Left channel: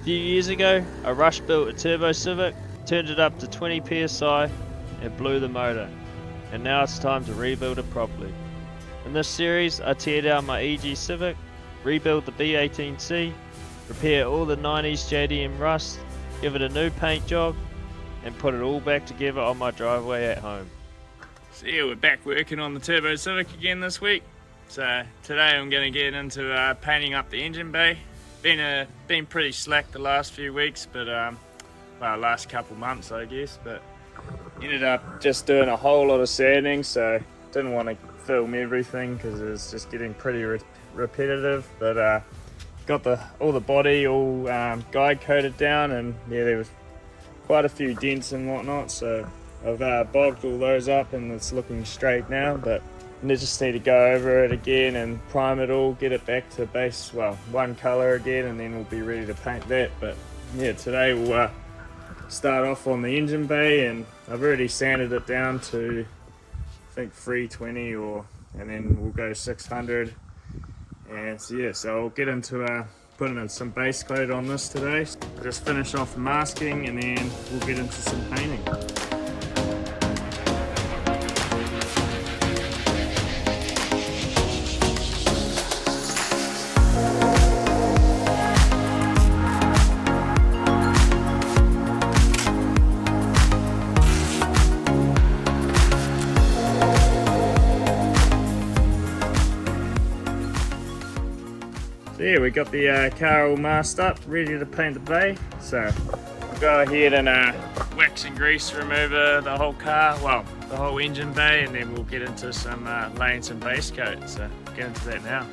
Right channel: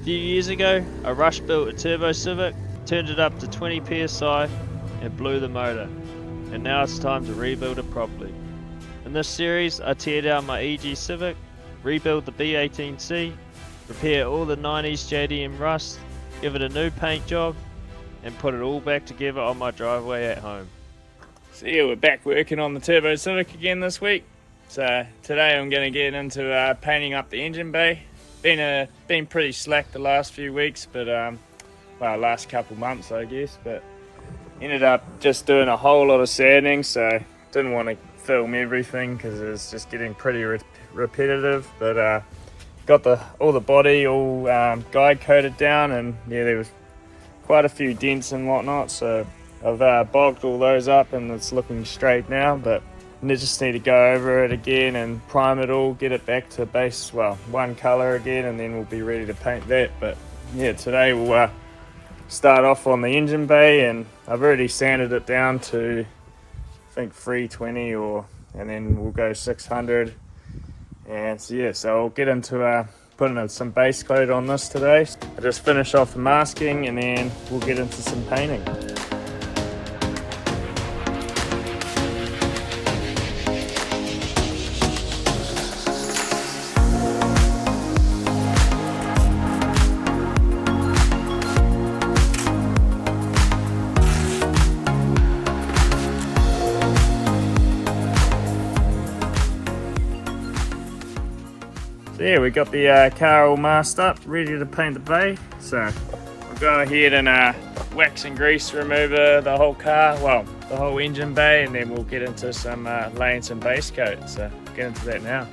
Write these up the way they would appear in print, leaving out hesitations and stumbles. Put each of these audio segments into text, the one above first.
A few years ago, I rush built a Turbo Civic, turned it up to 20 psi and blew the motor, and now it's time to rebuild it properly. In this series, I tear down my EG Civic, rebuild the B18C, repair all the 90s JDM rust, give it a new paint job, and put it all back together on my driveway at home. So yeah, we're back working on the Turbo Civic again this week. So today I'm going to get into painting up the engine bay. Been pretty slack the last few weeks, but well, last couple months I guess, but ended up just doing a whole lot of sanding, so didn't want to film everything because it's just getting pretty repetitive. But got all the body all guide coated down, and yeah, there was quite a few dents and whatnot, so I've bogged all those up and it's looking straight now, but I just need to go over it again and prime it all, get it back to base, well, one color again, and then we'll be ready to paint that. But yeah, today we'll start off on the engine bay, and I've already sanded it down to I think 320 and then we'll go 600. And so yeah, so I'll get into putting some base coat on this today. I'll just finish off the masking and then we'll get into some painting. So yeah, we got the car all masked up, ready to paint the bay. So we'll go ahead and wax and grease remover the whole car, well, the whole engine bay, and then we'll get into some laying some base coat. So get into that now.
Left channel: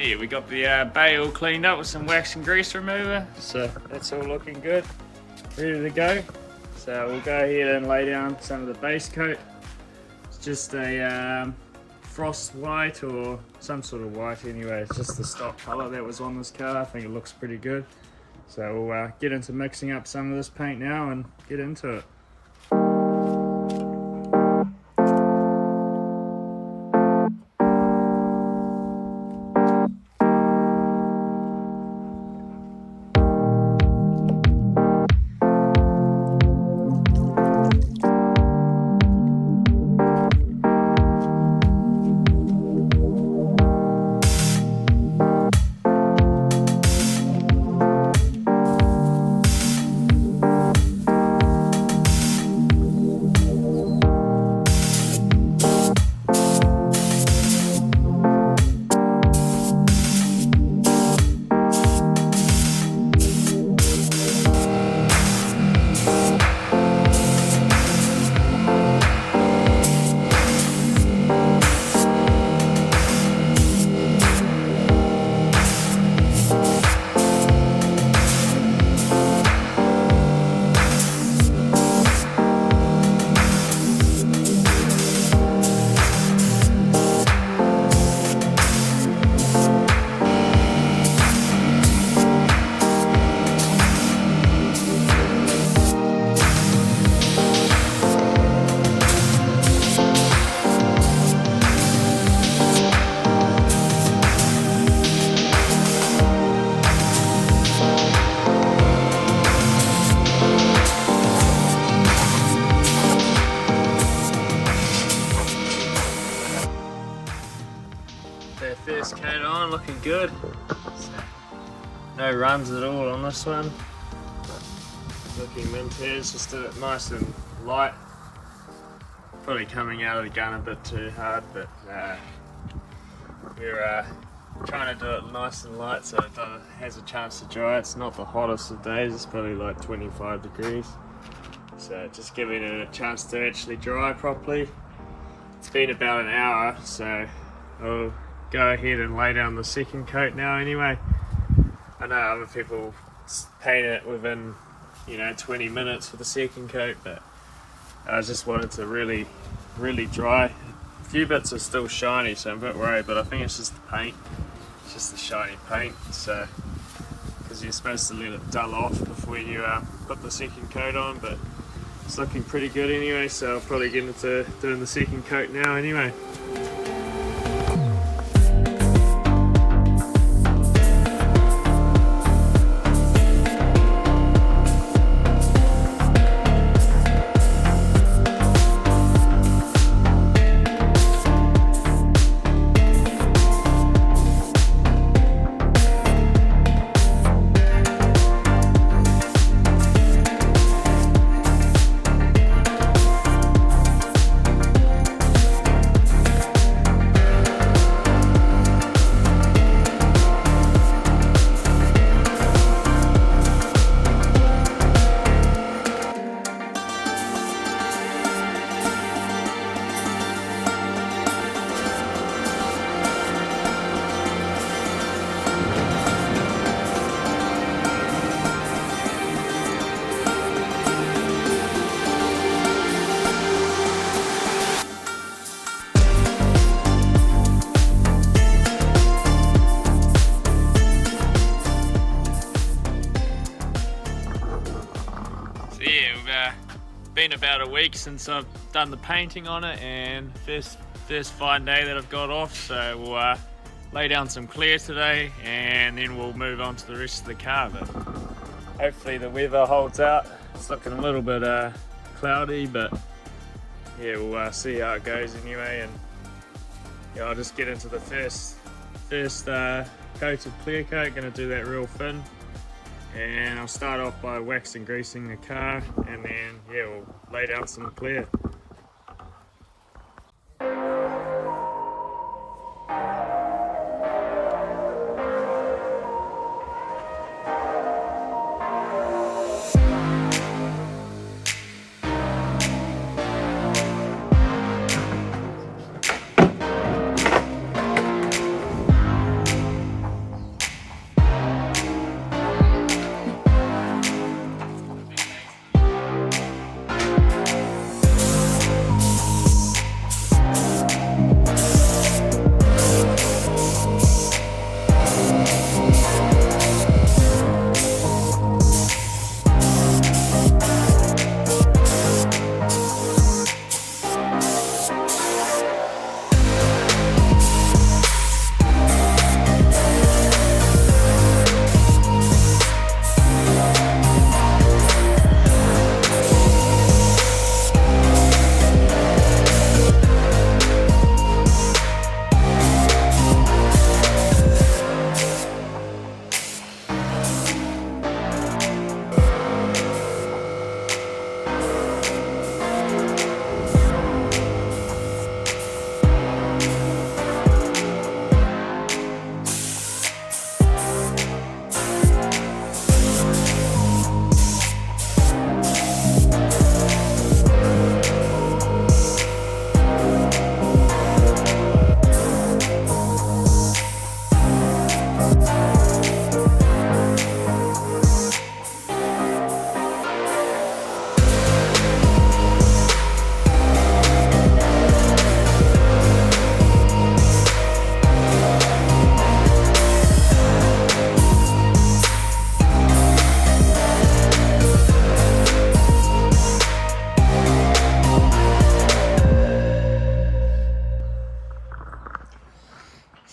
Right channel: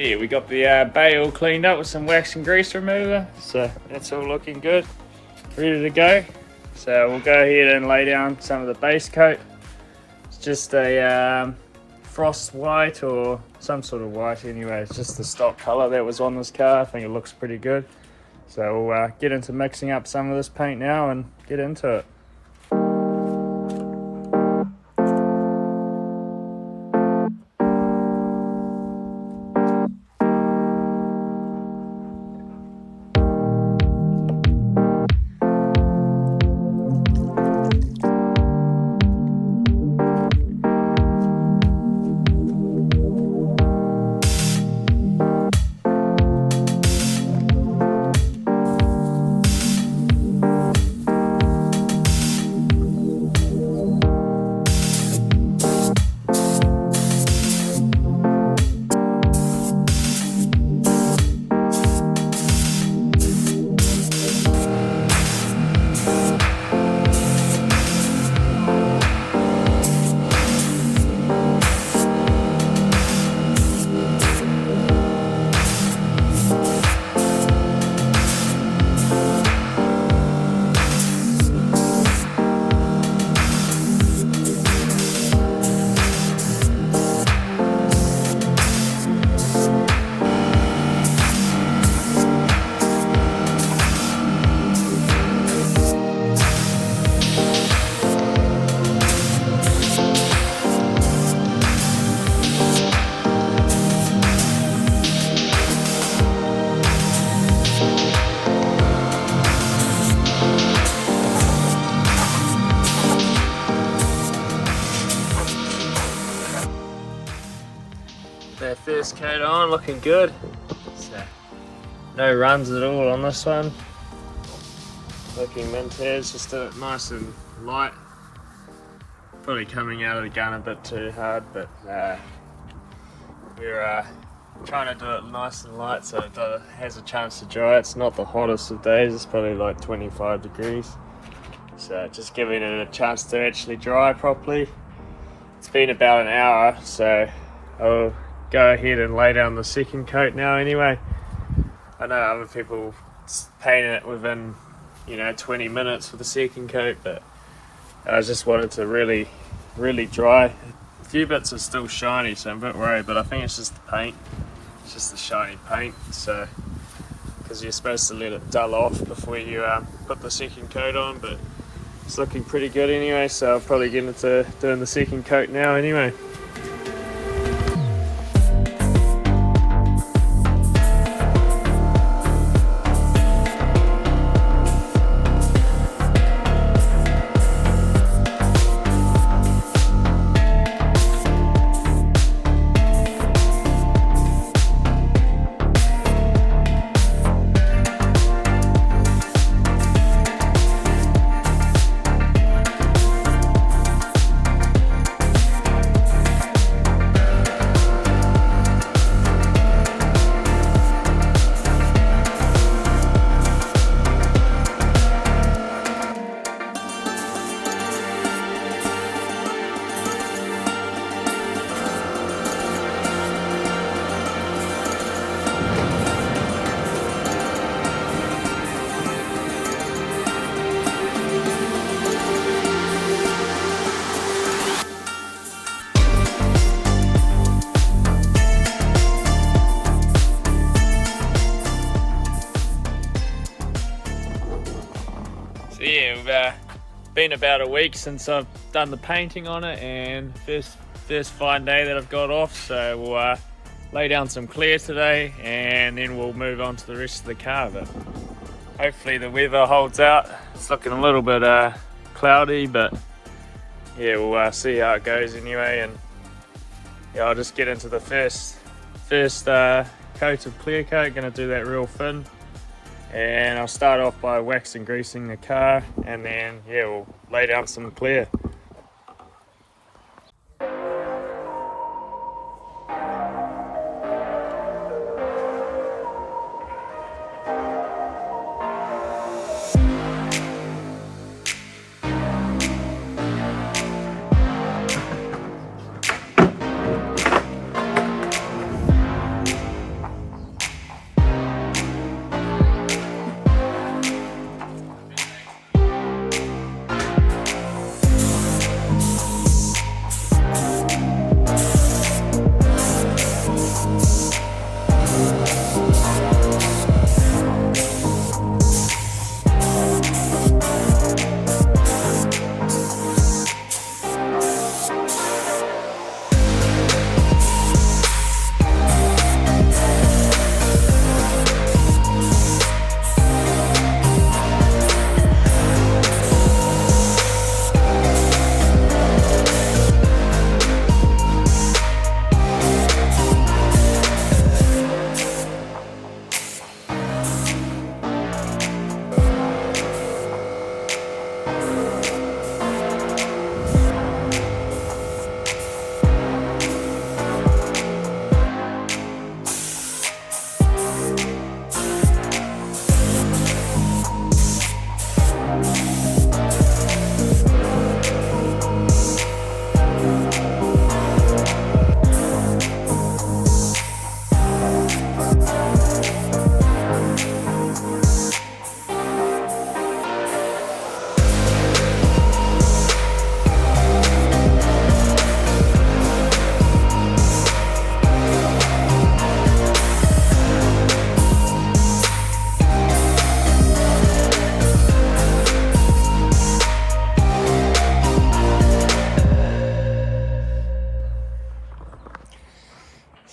Yeah, we got the bay all cleaned up with some wax and grease remover, so that's all looking good, ready to go. So we'll go ahead and lay down some of the base coat. It's just a frost white or some sort of white anyway. It's just the stock color that was on this car. I think it looks pretty good. So we'll get into mixing up some of this paint now and get into it. First coat on, looking good. So, no runs at all on this one. Looking mint as, just did it nice and light. Probably coming out of the gun a bit too hard, but we're trying to do it nice and light so it has a chance to dry. It's not the hottest of days, it's probably like 25 degrees. So just giving it a chance to actually dry properly. It's been about an hour, so I'll go ahead and lay down the second coat now anyway. I know other people paint it within 20 minutes with the second coat, but I just wanted to really dry. A few bits are still shiny, so I'm a bit worried, but I think it's just the paint. It's just the shiny paint, so because you're supposed to let it dull off before you put the second coat on, but it's looking pretty good anyway, so I'll probably get into doing the second coat now anyway. So yeah, we've been about a week since I've done the painting on it, and first fine day that I've got off, so we'll lay down some clear today and then we'll move on to the rest of the car. But hopefully the weather holds out. It's looking a little bit cloudy, but yeah, we'll see how it goes anyway. And yeah, I'll just get into the first coat of clear coat. Gonna do that real thin, and I'll start off by waxing greasing the car, and then yeah, we'll lay down some clear.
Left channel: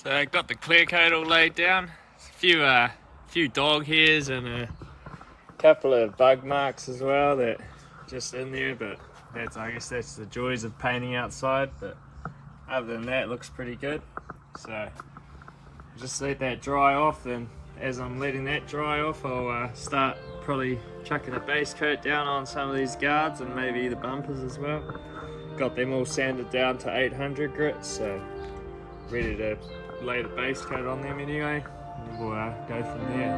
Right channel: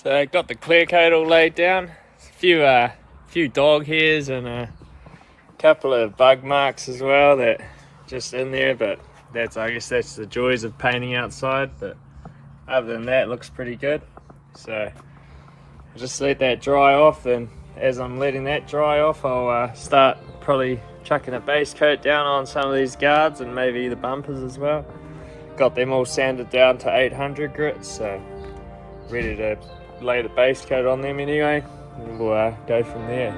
So I got the clear coat all laid down. A few dog hairs and a couple of bug marks as well that just in there, but I guess that's the joys of painting outside. But other than that, it looks pretty good. So I'll just let that dry off, and as I'm letting that dry off, I'll start probably chucking a base coat down on some of these guards and maybe the bumpers as well. Got them all sanded down to 800 grits, so ready to lay the base coat on them anyway, and we'll go from there.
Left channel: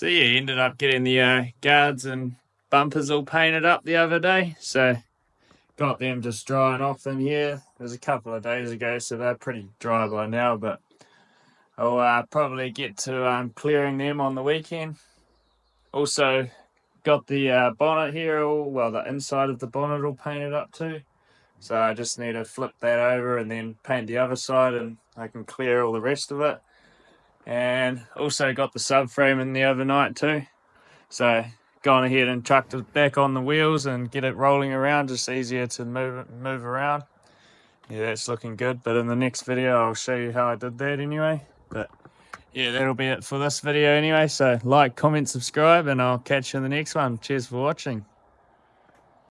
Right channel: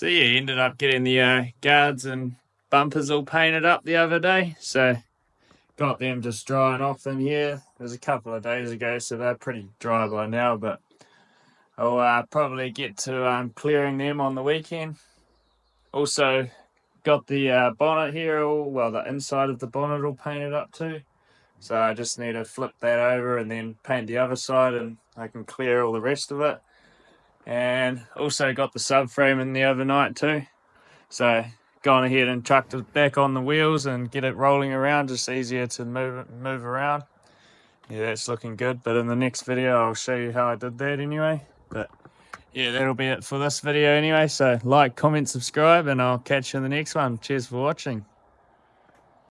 So yeah, ended up getting the guards and bumpers all painted up the other day. So got them just drying off in here. It was a couple of days ago, so they're pretty dry by now. But I'll probably get to clearing them on the weekend. Also got the bonnet here, the inside of the bonnet all painted up too. So I just need to flip that over and then paint the other side, and I can clear all the rest of it. And also got the subframe in the other night too. So gone ahead and chucked it back on the wheels and get it rolling around, just easier to move around. Yeah, that's looking good. But in the next video, I'll show you how I did that anyway. But yeah, that'll be it for this video anyway. So like, comment, subscribe, and I'll catch you in the next one. Cheers for watching.